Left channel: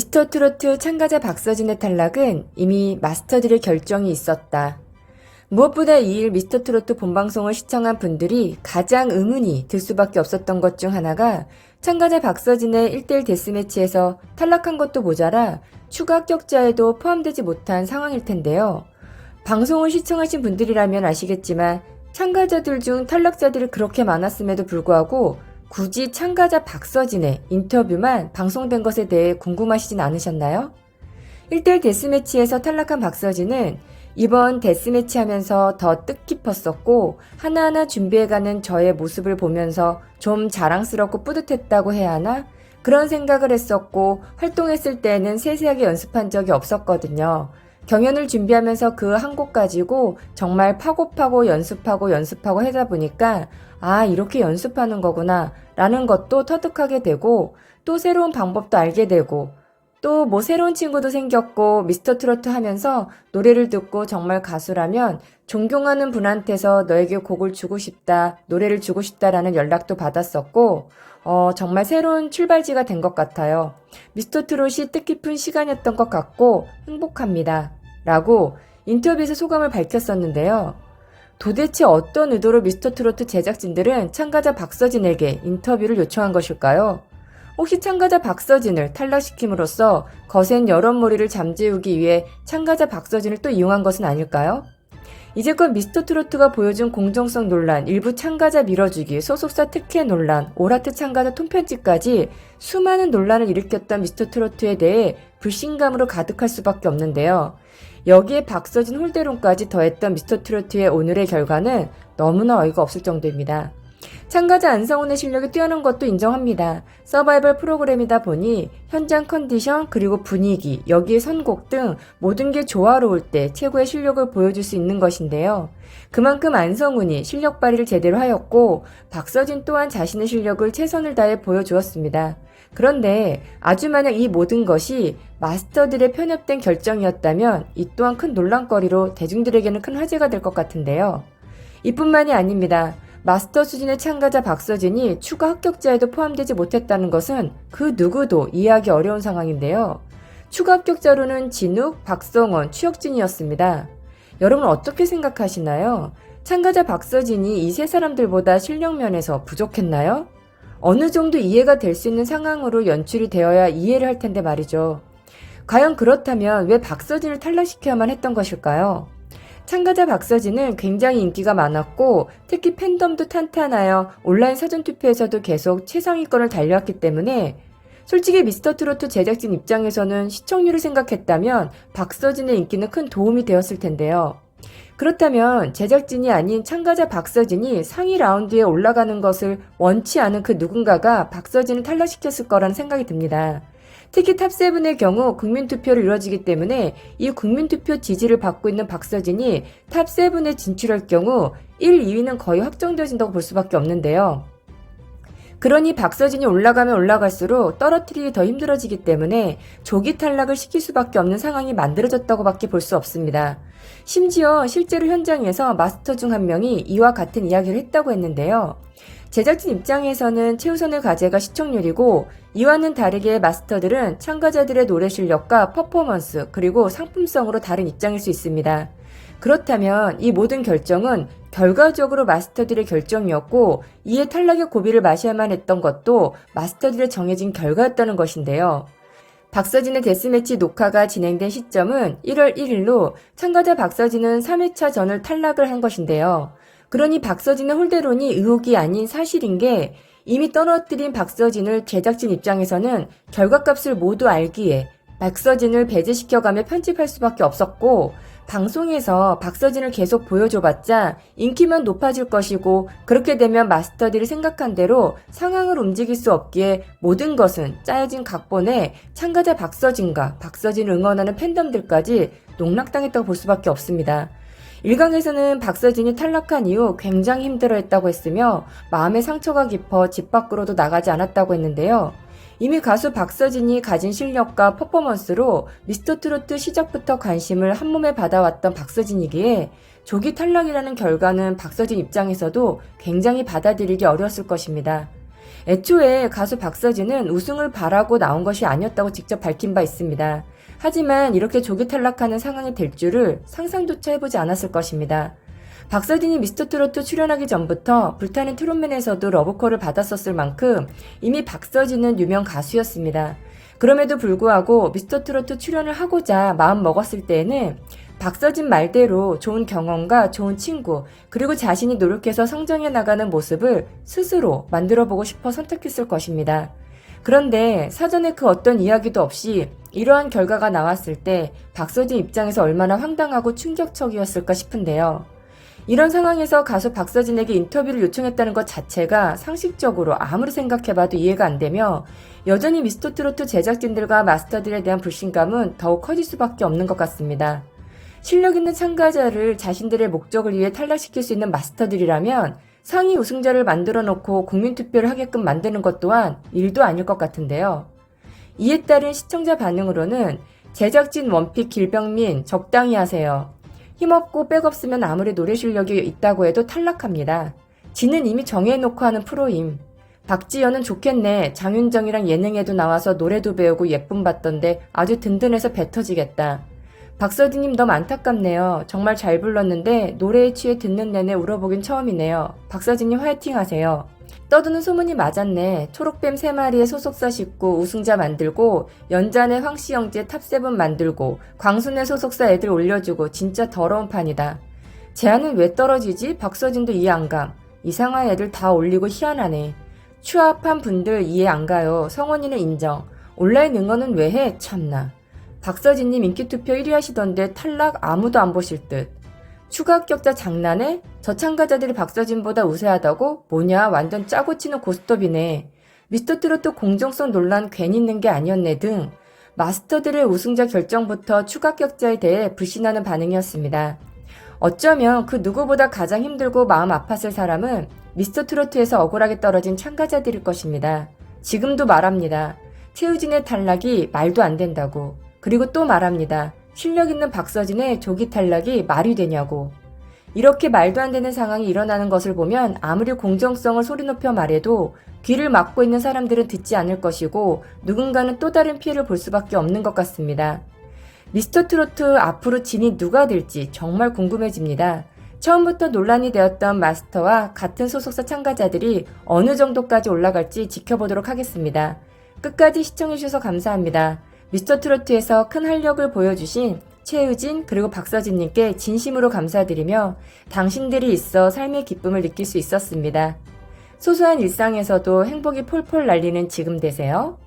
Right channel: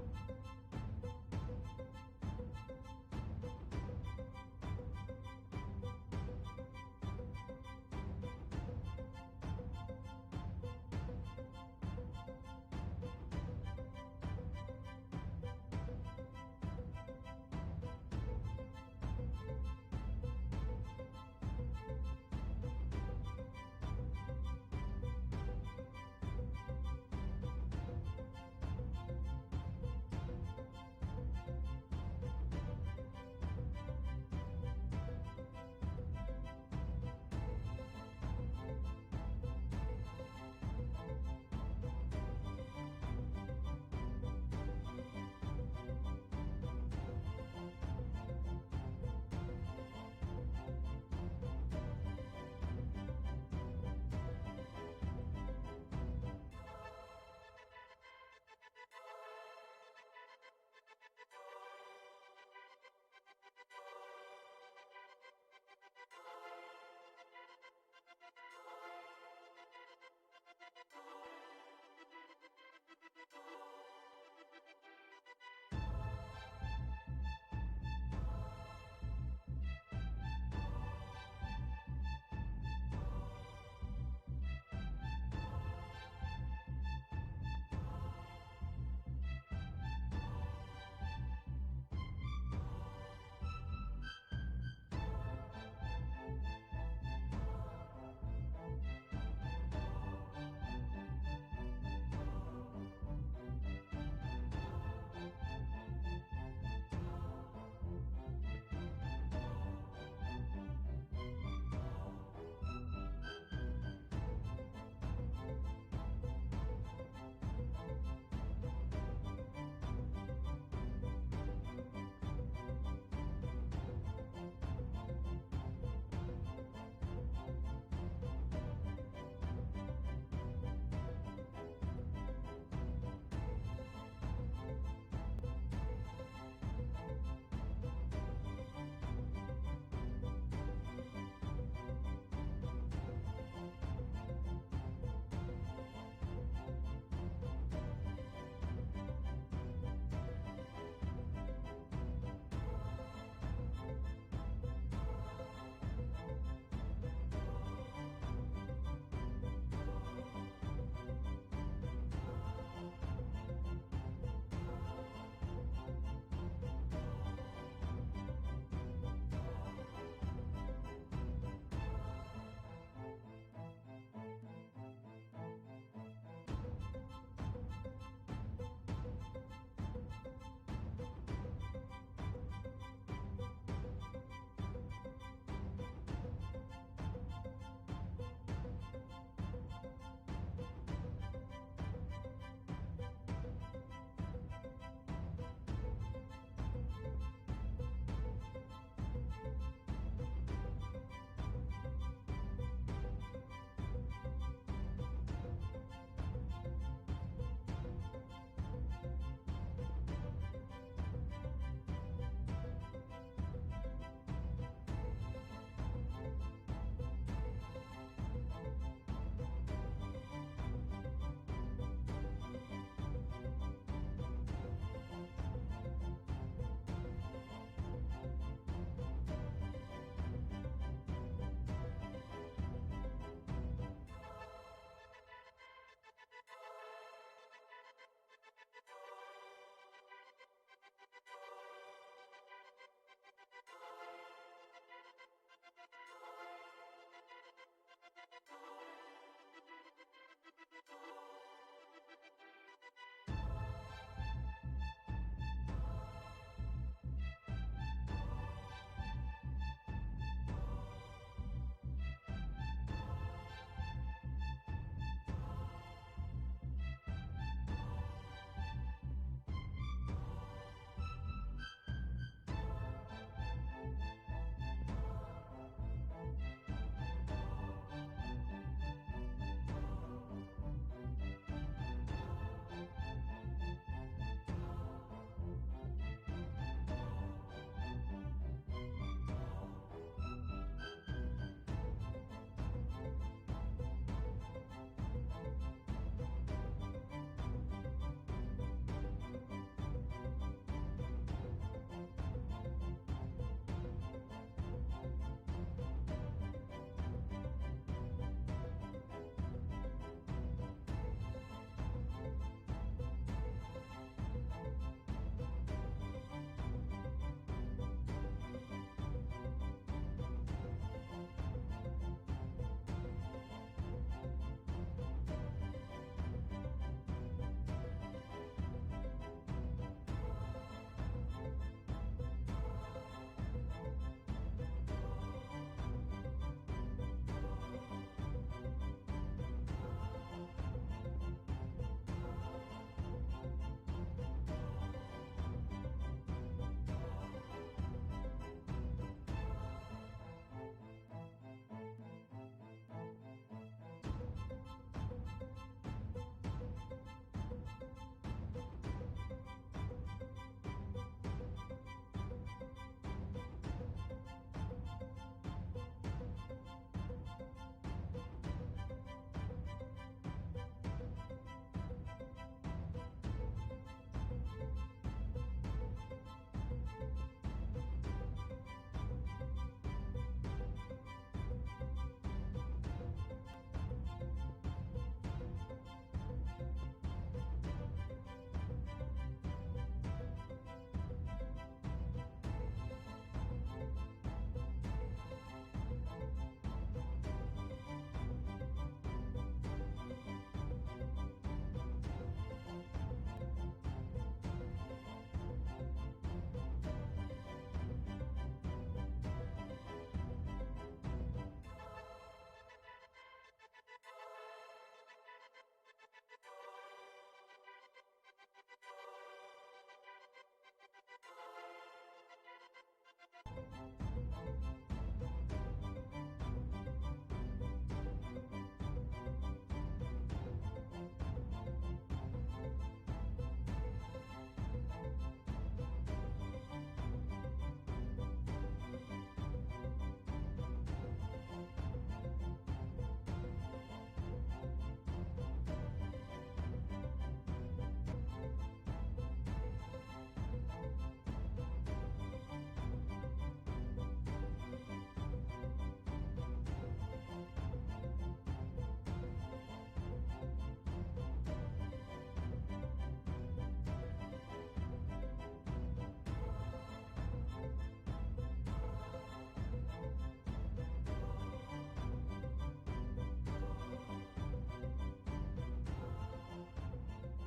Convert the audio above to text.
미스터트로트 참가자 박서진의 탈락은 이미 마스터들의 결정이 있었다. 무엇보다 이 일 미스터트로트 본방송을 시청한 분들이 가장 의문이 들 수밖에 없었던 것 중 하나가 참가자 박서진의 1대1 데스매치에서 탈락한 것도 모자라 추가 합격자에도 포함되지 못한 상황일 텐데요. 방송을 시청하신 분들이라면 아시겠지만 참가자들 중 탈락자들이 그렇게 많았음에도 불구하고 굳이 참가자 박서진의 인터뷰만 방송된 것에 대해 궁금하시진 않으셨나요? 1대1 데스매치에서 탈락한 박서진은 이번 데스매치 하면서 더 뜻깊었었고 하나하나 준비해가는 저의 모습을 보면서 좀 자랑스럽고 뿌듯했다고 해야 하나? 그런 생각을 했었고 활동했을 때에는 세세하게 연습한 적이 없었거든요. 경연을 준비하면서 그 한 곡 가지고 정말 파고파고 연습하고 하다 보니까 이렇게 연습하는 거구나 라는 것도 터득하게 되고 또 새로운 방법도 알게 되고 또 뭐 새로운 친구도 생겼고 미스터트로트 하면서 노래를 듣고 정말 가수라면 존경하는 분한테서 너에게 곡을 주고 싶다, 노래를 주고 싶다라는 연락도 받았었고 정말 새로운 출발지가 된 것 같아요. 미스터트롯이 뜻깊은 시간이었던 것 같고 행복합니다. 라고 인터뷰에서 소감을 밝혔었는데요. 도대체 어떤 의도로 미스터트로트 제작진들은 참가자 박서진에게 인터뷰를 요청한 것일까요? 혹시 참가자 박서진을 탈락시킴으로써 거센 여론몰이를 잠재우기 위해 참가자 박서진을 또 이용한 것은 아닐까요? 이제껏 미스터트로트가 보여준 공정성 논란, 일부 참가자 밀어주기, 소속사 특혜 논란, 올하트 참가자 통편집까지 수많은 논란을 일으켰던 미스터트로트에 대해 불신감으로 가득할 수밖에 없는데요. 여기에 박서진 홀대론까지 더했던 미스터트로트의 오늘의 결과는 너무나 어이가 없을 정도입니다. 참가자 안성훈의 실력이 뛰어난 것도 인정합니다. 서바이벌 프로그램이다 보니 현장 컨디션 그리고 분위기, 여기에 선곡 등 모든 게 조화로울 때 최고의 실력을 보여줄 수 있는 것인데요. 그만큼 안성훈이 실력 발휘를 제대로 하였고 박서진 또한 자신의 실력을 최선을 다해 보여주었습니다. 그런데 아주 만약 이 모든 것이 마스터들의 편협된 결정이었다면 이 또한 큰 논란거리로 대중들에게는 큰 화제가 될 것 같은데요. 이뿐만이 아닙니다. 마스터 수준의 참가자 박서진이 추가 합격자에도 포함되지 못했다는 것은 그 누구도 이해하기 어려운 상황인데요. 추가 합격자로는 진욱, 박성원, 추혁진이었습니다. 여러분 어떻게 생각하시나요? 참가자 박서진이 이 세 사람들보다 실력 면에서 부족했나요? 어느 정도 이해가 될 수 있는 상황으로 연출이 되어야 이해를 할 텐데 말이죠. 과연 그렇다면 왜 박서진을 탈락시켜야만 했던 것일까요? 참가자 박서진은 굉장히 인기가 많았고 특히 팬덤도 탄탄하여 온라인 사전투표에서도 계속 최상위권을 달려왔기 때문에 솔직히 미스터트로트 제작진 입장에서는 시청률을 생각했다면 박서진의 인기는 큰 도움이 되었을 텐데요. 그렇다면 제작진이 아닌 참가자 박서진이 상위 라운드에 올라가는 것을 원치 않은 그 누군가가 박서진을 탈락시켰을 거라는 생각이 듭니다. 특히 탑7의 경우 국민투표를 이루어지기 때문에 이 국민투표 지지를 받고 있는 박서진이 탑7에 진출할 경우 1, 2위는 거의 확정되어진다고 볼 수밖에 없는데요. 그러니 박서진이 올라가면 올라갈수록 떨어뜨리기 더 힘들어지기 때문에 조기 탈락을 시킬 수밖에 없는 상황이 만들어졌다고 밖에 볼 수 없습니다. 심지어 실제로 현장에서 마스터 중 한 명이 이와 같은 이야기를 했다고 했는데요. 제작진 입장에서는 최우선의 과제가 시청률이고 이와는 다르게 마스터들은 참가자들의 노래 실력과 퍼포먼스 그리고 상품성으로 다른 입장일 수 있습니다. 그렇다면 이 모든 결정은 결과적으로 마스터들의 결정이었고 이에 탈락의 고비를 마셔야만 했던 것도 마스터들의 정해진 결과였다는 것인데요. 박서진의 데스매치 녹화가 진행된 시점은 1월 1일로 참가자 박서진은 3회차 전을 탈락을 한 것인데요. 그러니 박서진의 홀대론이 의혹이 아닌 사실인 게 이미 떨어뜨린 박서진을 제작진 입장에서는 결과값을 모두 알기에 박서진을 배제시켜가며 편집할 수밖에 없었고 방송에서 박서진을 계속 보여줘봤자 인기만 높아질 것이고 그렇게 되면 마스터들이 생각한 대로 상황을 움직일 수 없기에 모든 것은 짜여진 각본에 참가자 박서진과 박서진을 응원하는 팬덤들까지 농락당했다고 볼 수밖에 없습니다. 일각에서는 박서진이 탈락한 이후 굉장히 힘들어했다고 했으며 마음의 상처가 깊어 집 밖으로도 나가지 않았다고 했는데요. 이미 가수 박서진이 가진 실력과 퍼포먼스로 미스터트로트 시작부터 관심을 한몸에 받아왔던 박서진이기에 조기 탈락이라는 결과는 박서진 입장에서도 굉장히 받아들이기 어려웠을 것입니다. 애초에 가수 박서진은 우승을 바라고 나온 것이 아니었다고 직접 밝힌 바 있습니다. 하지만 이렇게 조기 탈락하는 상황이 될 줄을 상상조차 해보지 않았을 것입니다. 박서진이 미스터트로트 출연하기 전부터 불타는 트롯맨에서도 러브콜을 받았었을 만큼 이미 박서진은 유명 가수였습니다. 그럼에도 불구하고 미스터트로트 출연을 하고자 마음 먹었을 때에는 박서진 말대로 좋은 경험과 좋은 친구, 그리고 자신이 노력해서 성장해 나가는 모습을 스스로 만들어보고 싶어 선택했을 것입니다. 그런데 사전에 그 어떤 이야기도 없이 이러한 결과가 나왔을 때 박서진 입장에서 얼마나 황당하고 충격적이었을까 싶은데요. 이런 상황에서 가수 박서진에게 인터뷰를 요청했다는 것 자체가 상식적으로 아무리 생각해봐도 이해가 안 되며 여전히 미스터트로트 제작진들과 마스터들에 대한 불신감은 더욱 커질 수밖에 없는 것 같습니다. 실력 있는 참가자를 자신들의 목적을 위해 탈락시킬 수 있는 마스터들이라면 상위 우승자를 만들어 놓고 국민투표를 하게끔 만드는 것 또한 일도 아닐 것 같은데요. 이에 따른 시청자 반응으로는 제작진 원픽 길병민 적당히 하세요. 힘없고 백없으면 아무리 노래 실력이 있다고 해도 탈락합니다. 지는 이미 정해놓고 하는 프로임. 박지연은 좋겠네. 장윤정이랑 예능에도 나와서 노래도 배우고 예쁨 받던데 아주 든든해서 배 터지겠다. 박서진님 너무 안타깝네요. 정말 잘 불렀는데 노래에 취해 듣는 내내 울어보긴 처음이네요. 박서진님 화이팅 하세요. 떠드는 소문이 맞았네. 초록뱀 3마리의 소속사 싣고 우승자 만들고 연잔의 황씨영재 탑7 만들고 광순의 소속사 애들 올려주고 진짜 더러운 판이다. 제안은 왜 떨어지지? 박서진도 이해 안 감. 이상한 애들 다 올리고 희한하네. 추합한 분들 이해 안 가요. 성원이는 인정. 온라인 응원은 왜 해? 참나. 박서진님 인기투표 1위 하시던데 탈락 아무도 안 보실 듯. 추가 합격자 장난해? 저 참가자들이 박서진보다 우세하다고? 뭐냐 완전 짜고 치는 고스톱이네. 미스터트로트 공정성 논란 괜히 있는 게 아니었네 등 마스터들의 우승자 결정부터 추가 합격자에 대해 불신하는 반응이었습니다. 어쩌면 그 누구보다 가장 힘들고 마음 아팠을 사람은 미스터트로트에서 억울하게 떨어진 참가자들일 것입니다. 지금도 말합니다. 최우진의 탈락이 말도 안 된다고. 그리고 또 말합니다. 실력 있는 박서진의 조기 탈락이 말이 되냐고. 이렇게 말도 안 되는 상황이 일어나는 것을 보면 아무리 공정성을 소리 높여 말해도 귀를 막고 있는 사람들은 듣지 않을 것이고 누군가는 또 다른 피해를 볼 수밖에 없는 것 같습니다. 미스터트로트 앞으로 진이 누가 될지 정말 궁금해집니다. 처음부터 논란이 되었던 마스터와 같은 소속사 참가자들이 어느 정도까지 올라갈지 지켜보도록 하겠습니다. 끝까지 시청해주셔서 감사합니다. 미스터트로트에서 큰 활력을 보여주신 최우진 그리고 박서진님께 진심으로 감사드리며 당신들이 있어 삶의 기쁨을 느낄 수 있었습니다. 소소한 일상에서도 행복이 폴폴 날리는 지금 되세요.